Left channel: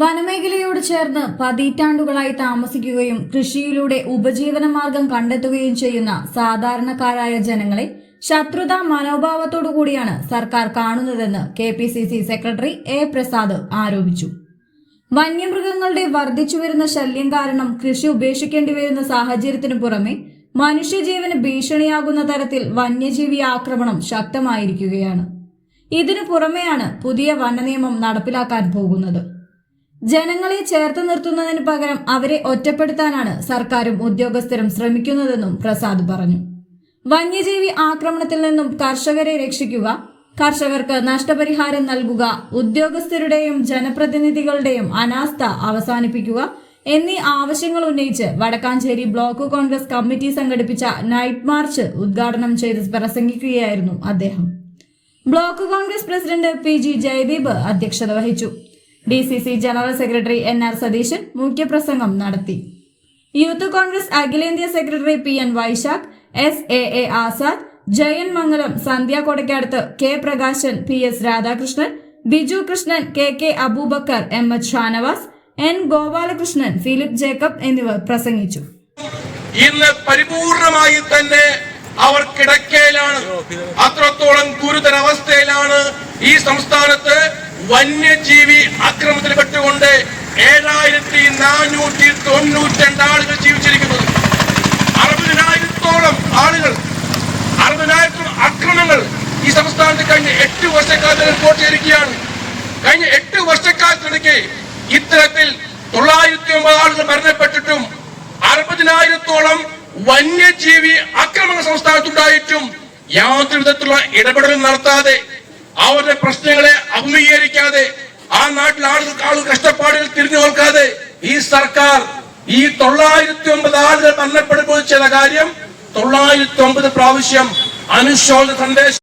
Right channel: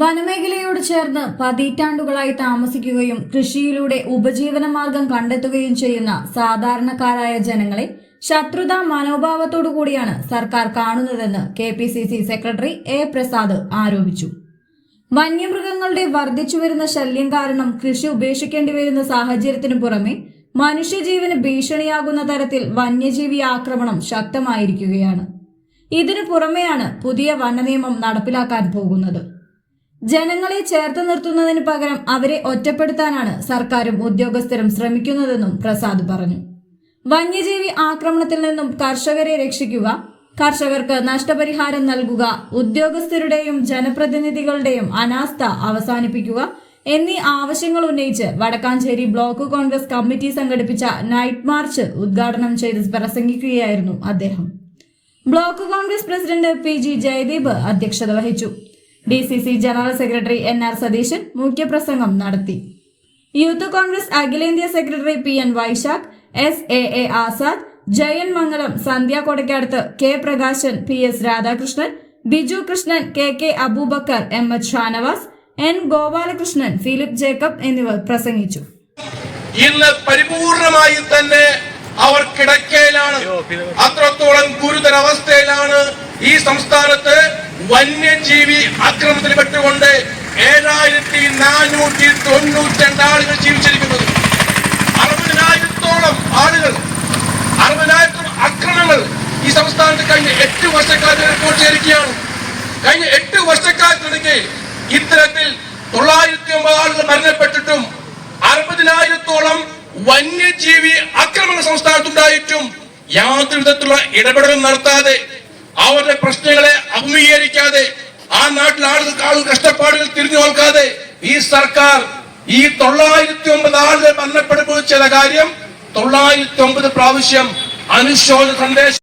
വനമേഖലയോട് ചേർന്ന് പതിറ്റാണ്ടുകളായി താമസിക്കുകയും കൃഷിയിലൂടെ ഉപജീവനമാർഗം കണ്ടെത്തുകയും ചെയ്യുന്ന സാധാരണക്കാരായ ജനങ്ങളെ ശത്രുതാ മനോഭാവത്തോടു കൂടിയാണ് സർക്കാർ കാണുന്നതെന്ന് K P C C secretary A Prasad ആരോപിച്ചു. വന്യമൃഗങ്ങളുടെ വർദ്ധിച്ചുവരുന്ന ശല്യം കാരണം കൃഷി ഉപേക്ഷിക്കേണ്ടി വരുന്ന സാഹചര്യത്തിനു പുറമെ മനുഷ്യജീവന് ഭീഷണിയാകുന്ന തരത്തിൽ വന്യജീവി ആക്രമണം ശക്തമായിരിക്കുകയാണ്. ഇതിനു പുറമെയാണ് പുതിയ വനനിയമം നടപ്പിലാക്കാൻ പോകുന്നത്. ജനങ്ങളെ ചേർത്ത് നിർത്തുന്നതിന് പകരം അവരെ ഒറ്റപ്പെടുത്താനാണ് സർക്കാരും ഉദ്യോഗസ്ഥരും ശ്രമിക്കുന്നതെന്നും പ്രസാദ് പറഞ്ഞു. വന്യജീവി ആക്രമണത്തിൽ നിന്നും കർഷകരെ രക്ഷിക്കുക കർഷകർക്ക് നഷ്ടപരിഹാരം നൽകുക ഉദ്യോഗസ്ഥരുടെയും ജനപ്രതിനിധികളുടെയും അനാസ്ഥ അവസാനിപ്പിക്കുക എന്നീ ആവശ്യങ്ങൾ ഉന്നയിച്ച് വടക്കാഞ്ചേരി ബ്ലോക്ക് കോൺഗ്രസ് കമ്മിറ്റി സംഘടിപ്പിച്ച നൈറ്റ് മാർച്ച് ഉദ്ഘാടനം ചെയ്ത് പ്രസംഗിക്കുകയായിരുന്നു അദ്ദേഹം. Block Congress president P G Jayadeep അധ്യക്ഷത വഹിച്ചു. D C C general secretary N R Satheesan മുഖ്യപ്രസംഗം നടത്തി. യൂത്ത് കോൺഗ്രസ് അഖിലേന്ത്യാ secretary P N Vaishakh S A A Azad Jayan Mangalam Sandhya കൊടക്കടുത്ത് K Prakashan P S Radhakrishnan Biju Krishnan K K Aboobacker M H Shanavas N Gopalakrishnan Philip Jacob എന്നിവർ പ്രസംഗിച്ചു. ഇന്ന് പരിപൂർണമായി തന്നെ അവർ കിടക്കയിലാണ്. അത്രത്തോളം ഗുരുതരാവസ്ഥയിലാണ് ഈ സംസ്ഥാനത്ത് വന്യജീവി ആക്രമണത്തിൽപ്പെട്ടുകൊണ്ട് ഏഴായിരത്തി നാനൂറ്റി തൊണ്ണൂറ്റി ആളുകൾ ജീവിച്ചിരിക്കുന്നത് അറുപതിനായിരത്തോളം ആളുകൾ അറുപതിനായിരത്തോളം അക്രമങ്ങൾ ഈ സംസ്ഥാനത്ത് കഴിഞ്ഞ എട്ട് വർഷക്കാലത്ത് റിപ്പോർട്ട് ചെയ്തിരിക്കുകയാണ് കഴിഞ്ഞ എട്ട് വർഷക്കാലത്തിനിടയ്ക്ക് ഇത്തരത്തിൽ തൊള്ളായിരത്തി ഒമ്പത് ആളുകൾ മരണപ്പെട്ടിട്ടും അറുപതിനായിരത്തോളം വന്യജീവി ആക്രമണ സംസ്ഥാനത്തുണ്ടായിട്ടും യാതൊരു വിധത്തിലുള്ള ഇടപെടലും നടത്താതെ അവരുടെ പ്രശ്നങ്ങളെ അഭിമുഖീകരിക്കാതെ ആ നാട്ടിൽ ആളുകൾക്ക് ആളുകൾ കഷ്ടപ്പാടുകൾ തിരിഞ്ഞു നോക്കാതെ ഈ സർക്കാർ ഈ തൊള്ളായിരത്തി ഒമ്പത് ആളുകൾ മരണപ്പെടുമ്പോൾ കാര്യം തൊള്ളായിരത്തി ഒമ്പത് പ്രാവശ്യം അനുശോചന സന്ദേശം